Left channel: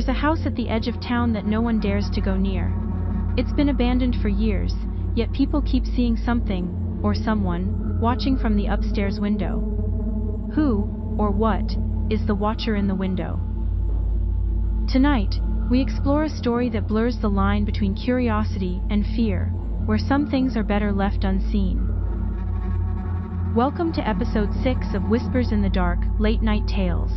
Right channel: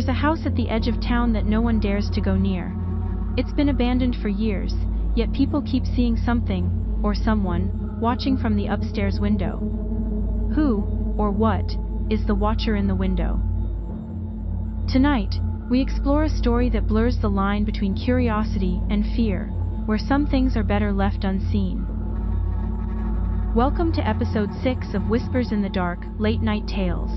There's a house at the edge of town that no one dares to go near. It's been abandoned for years, yet people keep seeing something, or someone, watching from the upstairs window. Who, or what, is the watcher in the window? Tonight, we explore a story that blurs the line between curiosity and fear, where some things are better left unseen. Welcome to episode 6 of Whispers in the Dark, Late Night Tales.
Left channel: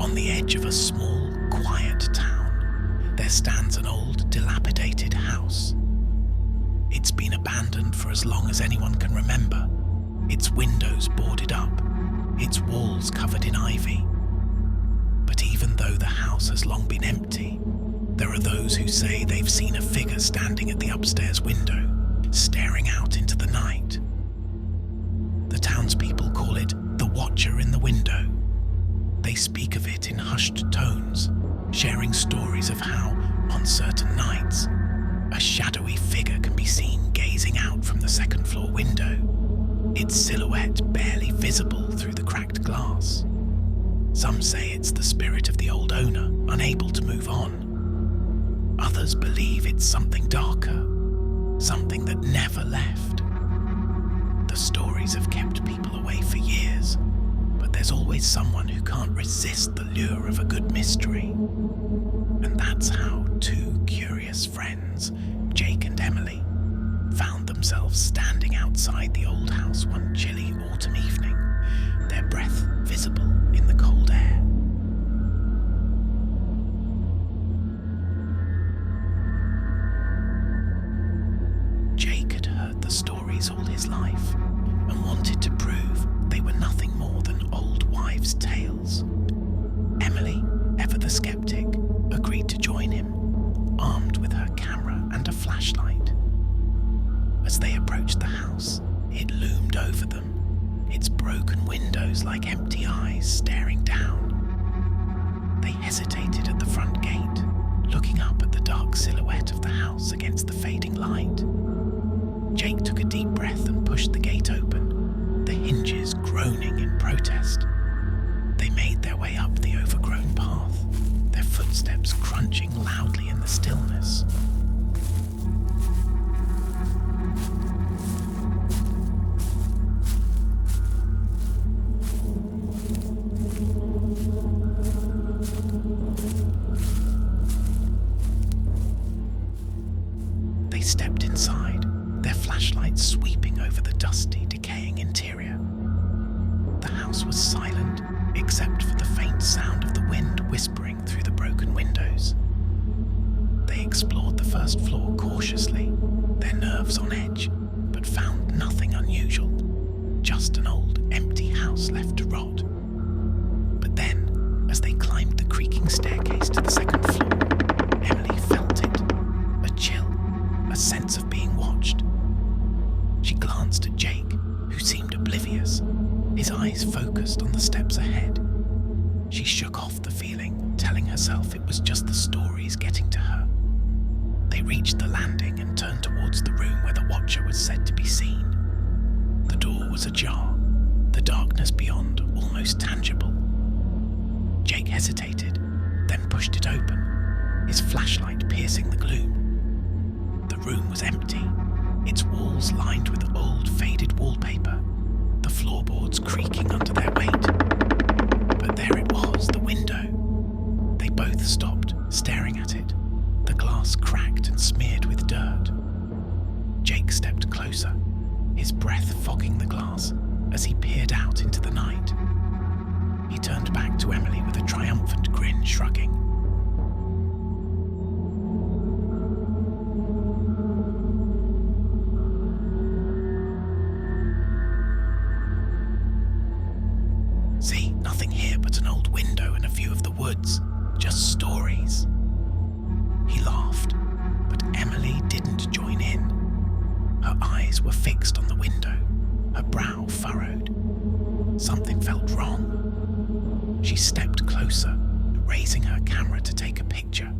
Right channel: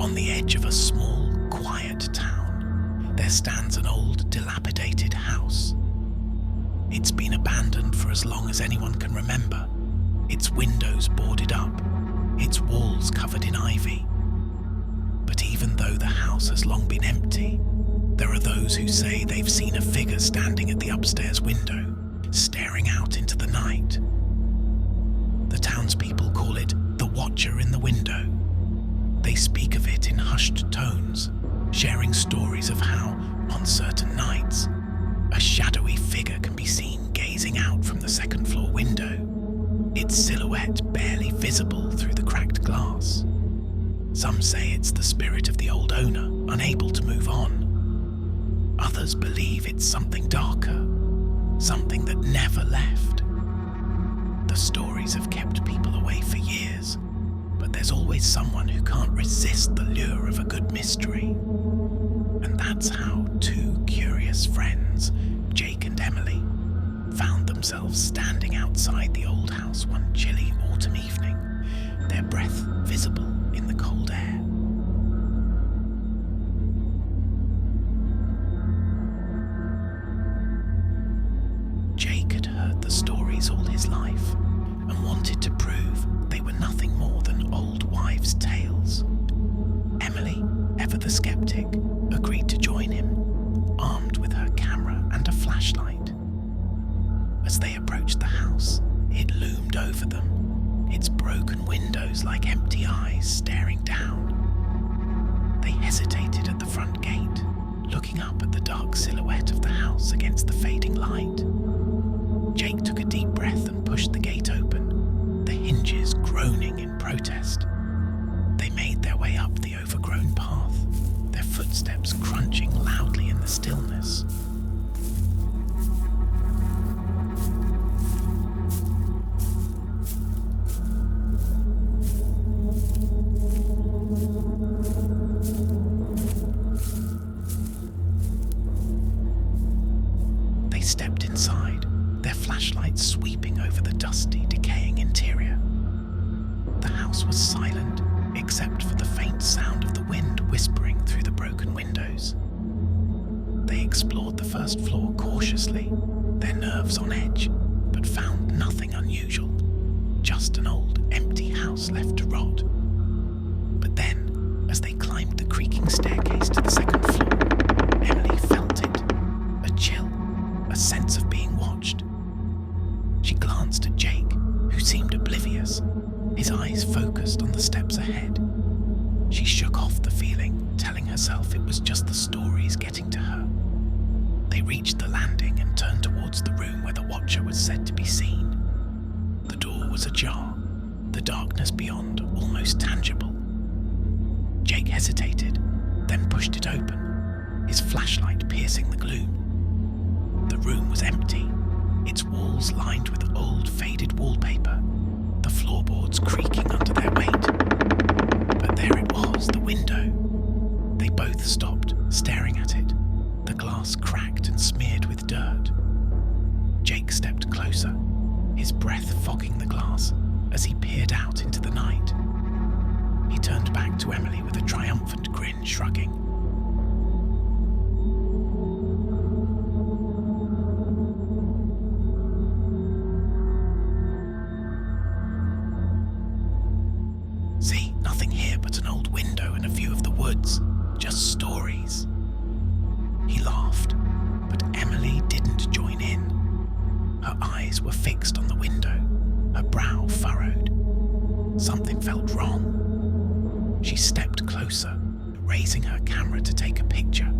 On the edge of a small, quiet town, there stands an old, dilapidated house. It's been abandoned for as long as anyone can remember, its windows boarded up, its walls covered in ivy. But even though the house has long been empty, there are those who say they've seen a figure standing at the upstairs window, staring out into the night. The townspeople call it the Watcher in the Window. They speak of it in hushed tones, sharing stories of how, on certain nights, a shadowy figure can be seen gazing out from the second-floor window, its silhouette barely visible through the cracked glass. Some say it's the spirit of the old owner, unable to move on. Others believe it's something darker, something that never left. The stories have kept people away for years, but there's always someone who can't resist the lure of a good mystery. And that's how two curious friends, Jake and Emily, found themselves standing outside the old house one chilly autumn evening, their breath visible in the cold air. Jake had heard the stories all his life and wanted to prove they were nothing more than old wives' tales. Emily, ever the skeptic, agreed to join him, armed with her camera and a flashlight. As they approached the house, it loomed over them, its broken windows like empty eyes staring down. They hesitated at the front gate, looking up at the dark silhouette of the house against the fading light. Jake took a deep breath and pushed the gate open, the hinges groaning in protest. They made their way up the overgrown path, their footsteps crunching loudly in the stillness. They stepped inside, their flashlights sweeping over the dusty, decaying interior. The house was silent, except for the faint sound of the wind whispering through the broken windows. They explored the first floor cautiously, their nerves on edge, but found nothing unusual, just an old, empty house left to rot. But then, as they climbed the creaking staircase to the second floor, Emily felt it, a chill, a sense of being watched. She glanced at Jake, who seemed oblivious, his eyes focused on the steps ahead. She shook off the feeling, telling herself it was just the stories getting to her. They reached the landing and turned towards the room where the Watcher was said to be seen. The door was ajar, the darkness beyond almost tangible. Jake hesitated, then pushed it open, his flashlight piercing the gloom. The room was empty, its walls lined with old, faded wallpaper, the floorboards creaking under their weight. But there it was, the window. They both stopped, staring at it, the glass cracked and smeared with dirt. Jake stepped closer, his breath fogging the glass as he peered out into the night. He turned back to Emily with a triumphant grin, shrugging. See, nothing here but an old window and a view of the woods. Just stories. He laughed, but Emily didn't join in. Her eyes were fixed on the window, her brow furrowed. Something felt wrong. She stepped closer, raising her camera to take a picture.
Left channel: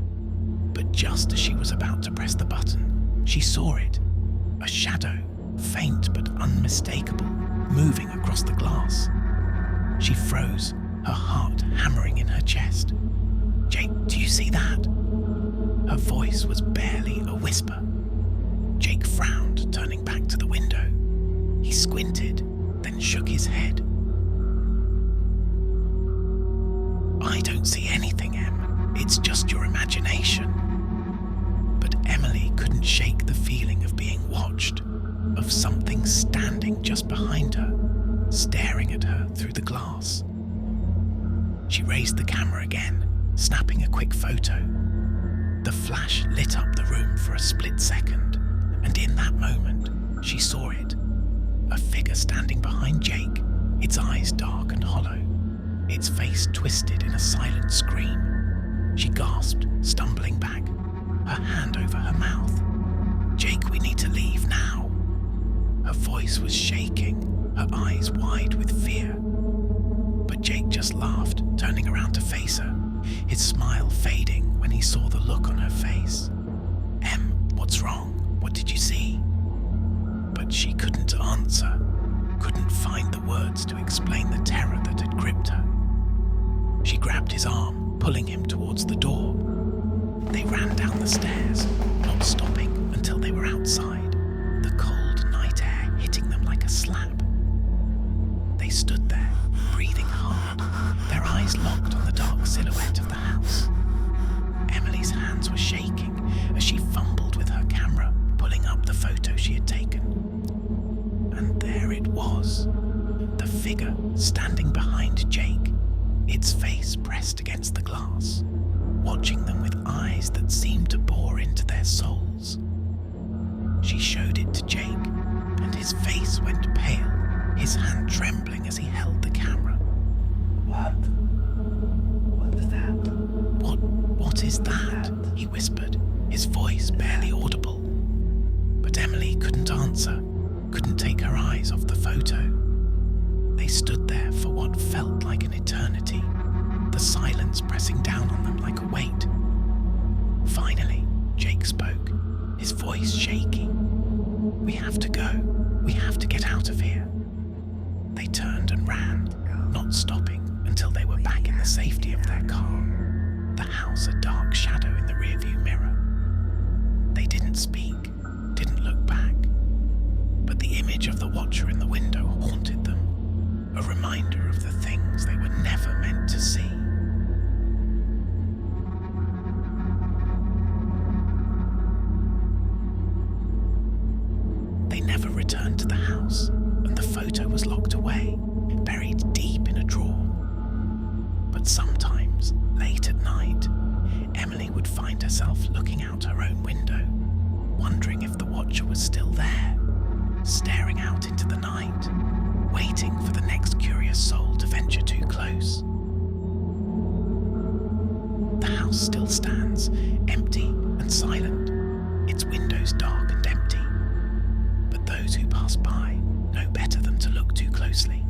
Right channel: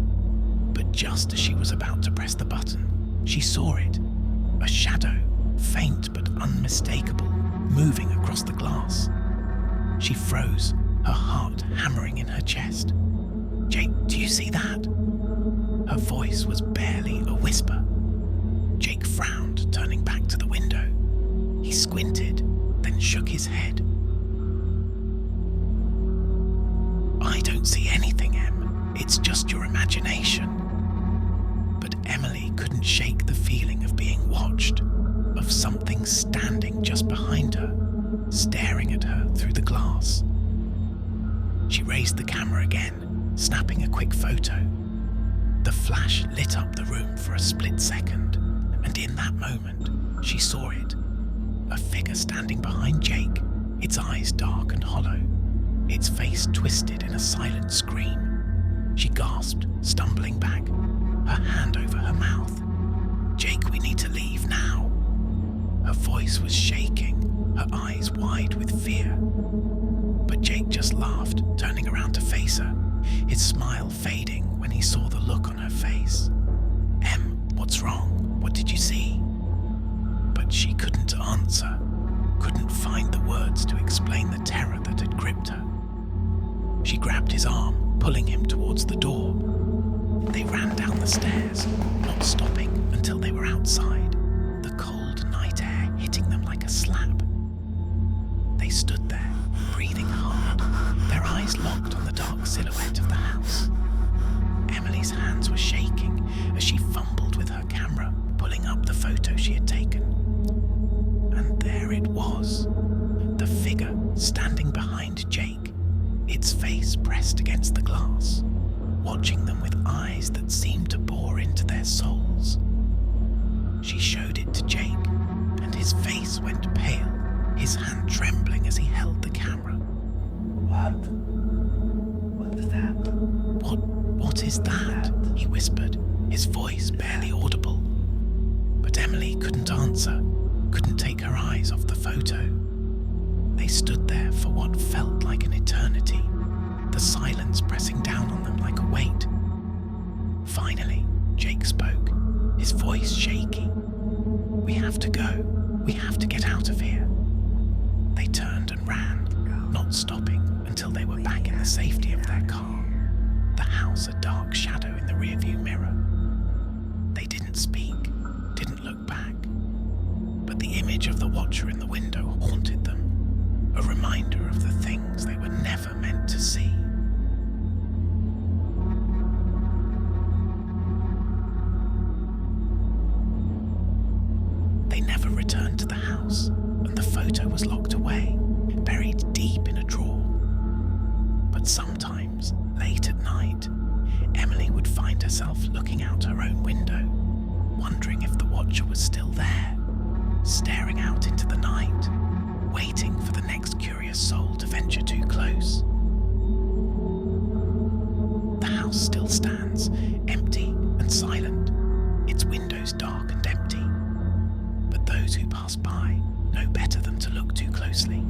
But just as she was about to press the button, she saw it. A shadow, faint but unmistakable, moving across the glass. She froze, her heart hammering in her chest. "Jake, do you see that?" Her voice was barely a whisper. Jake frowned, turning back to the window. He squinted, then shook his head. "I don't see anything, Em. It's just your imagination." But Emily couldn't shake the feeling of being watched, of something standing just behind her, staring at her through the glass. She raised the camera again, snapping a quick photo. The flash lit up the room for a split second, and in that moment, she saw it. A figure standing behind Jake, its eyes dark and hollow, its face twisted in a silent scream. She gasped, stumbling back, her hand over her mouth. "Jake, we need to leave now." Her voice was shaking, her eyes wide with fear. But Jake just laughed, turning around to face her, his smile fading when he saw the look on her face. "Em, what's wrong? What did you see?" But she couldn't answer, couldn't find the words to explain the terror that had gripped her. She grabbed his arm, pulling him towards the door. They ran down the stairs, not stopping until they were outside, the cold night air hitting them like a slap. They stood there, breathing hard, their eyes locked on the dark silhouette of the house. Emily's hands were shaking as she fumbled with her camera, pulling up the photo she had taken. And there it was, the figure standing behind Jake, its face pressed against the glass, watching them with eyes that seemed to bore into their souls. She showed it to Jake, and his face went pale, his hand trembling as he held the camera. What is that? What is that? He whispered, his voice barely audible. But Emily couldn't answer, couldn't take her eyes off the photo. They stood there for what felt like an eternity, the silence pressing down on them like a weight. Finally, Jake spoke, his voice shaky. "We have to go. We have to get out of here." They turned and ran, not stopping until they were back in the safety of their car, the house a dark shadow in the rearview mirror. They didn't speak, didn't look back, but the image of the watcher in the window haunted them, a reminder of the things they were never meant to see. They never returned to the house, and the photo was locked away, buried deep in a drawer. But sometimes, late at night, Emily would find herself looking out her own window, wondering if the watcher was still there, staring out into the night, waiting for the next curious soul to venture too close. The house still stands, empty and silent, its windows dark and empty. But those who pass by know better than to look too closely,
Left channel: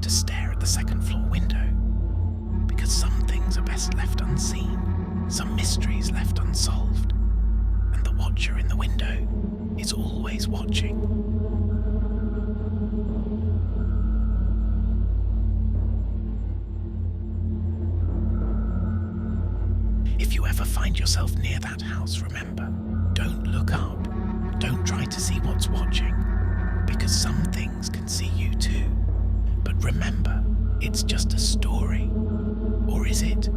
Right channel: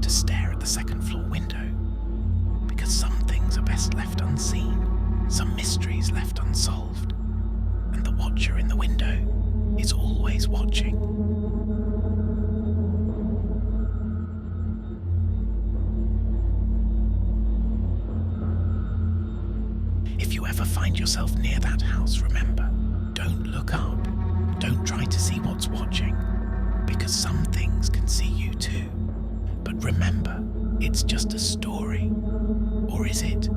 to stare at the second floor window, because some things are best left unseen, some mysteries left unsolved, and the watcher in the window is always watching. If you ever find yourself near that house, remember, don't look up, don't try to see what's watching, because some things can see you too. But remember, it's just a story. Or is it?